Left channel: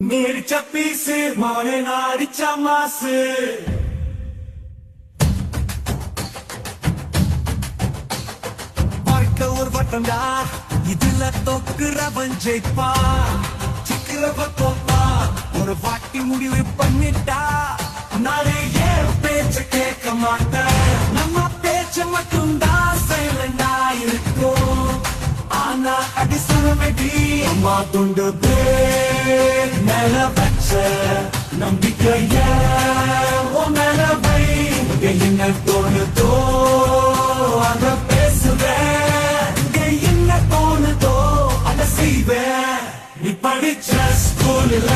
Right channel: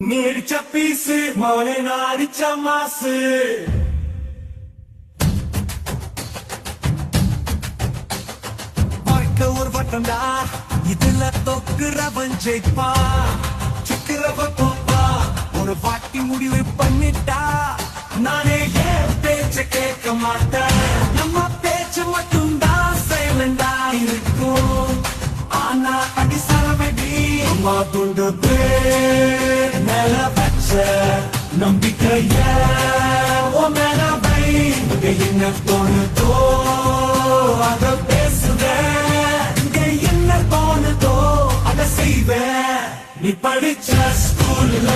நீ அடிச்ச பீசு மோனே நான் அடிச்ச மாசு வாழ்க்கை ஒரு வட்டம்டா இதுல தொக்குறவன் ஜெயிப்பா சிக்கிறவ தோப்பா ஒரு வாட்டி முடிவு பண்ணிட்டா நானே ஏன் பேச்ச கேட்க மாட்டேன் நம்ம பேச்ச மட்டும்தான் சைலண்டா இருக்கும் ஆனா அடிசனமெடி அம்மா துண்டு பேர் மேல வச்ச நம்பிக்கைய ஓ மேல வை என்ன தோணுதோ அத பேசுவேன் என்ன தோணுதோ அத செய்வேன் நீ படிச்ச ஸ்கூல்ல